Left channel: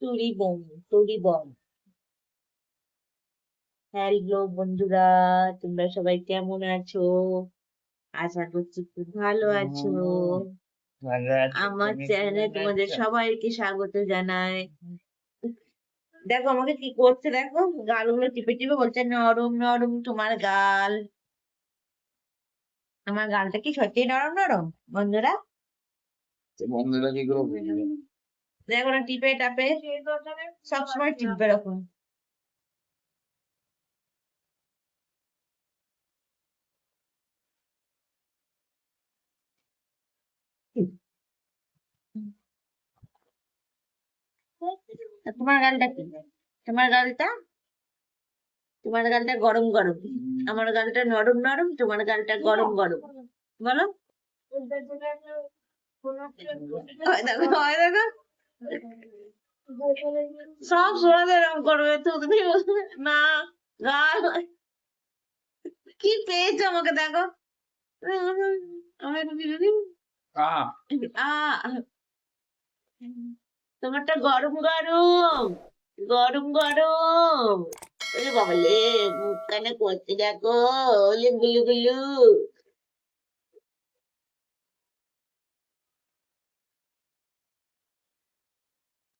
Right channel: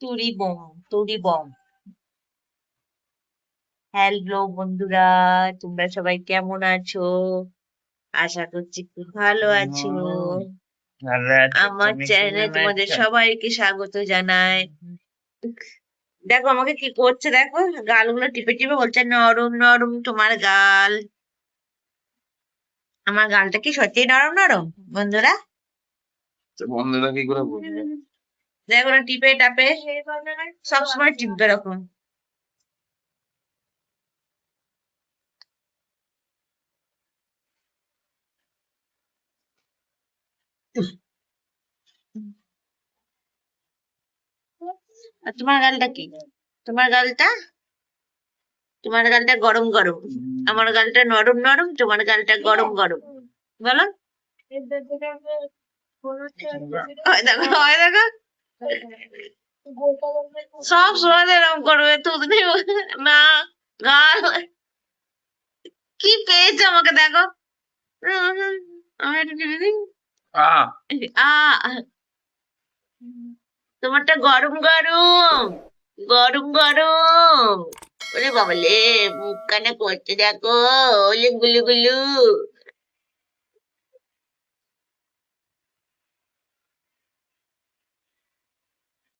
তুরি bomb তুরি bomb. Hello বন্ধুরা, তোমরা সবাই কেমন আছো? আশা করছি খুব ভালো আছো। ভালো আছি, আমার তুমি চ্যানেলে কেমন তোমাদের আছো? সবাইকে স্বাগত জানাই। দেখো আমাকে কি করছে, দেখো গালগুলো টিপে টিপে বলছে নরম নরম তোমার গাল। আমার গালটা কি সত্যি নরম নরম বন্ধুরা? তো বন্ধুরা কি করে বুঝবে? দেখো না টিপে টাপে সবসময় টিপবে এরকম। আর তোমার গালটা কি? তোমার গালটা তোমার গালটা গরম গরম, আমার গালটা নরম নরম, তোমার গালটা গরম গরম। বলো। ওই দেখো ওই দেখো, সব সময় এরকম করবে তুমি। না, গাল কি পেয়েছে আমাকে দেখো। আমি একটু টিপে দিই। আহ তোমারটা গরম গরম, গরম গরম। ওরে বাবালে, মুখ কানে করতে দেখো, ওলে গুলু গুলু।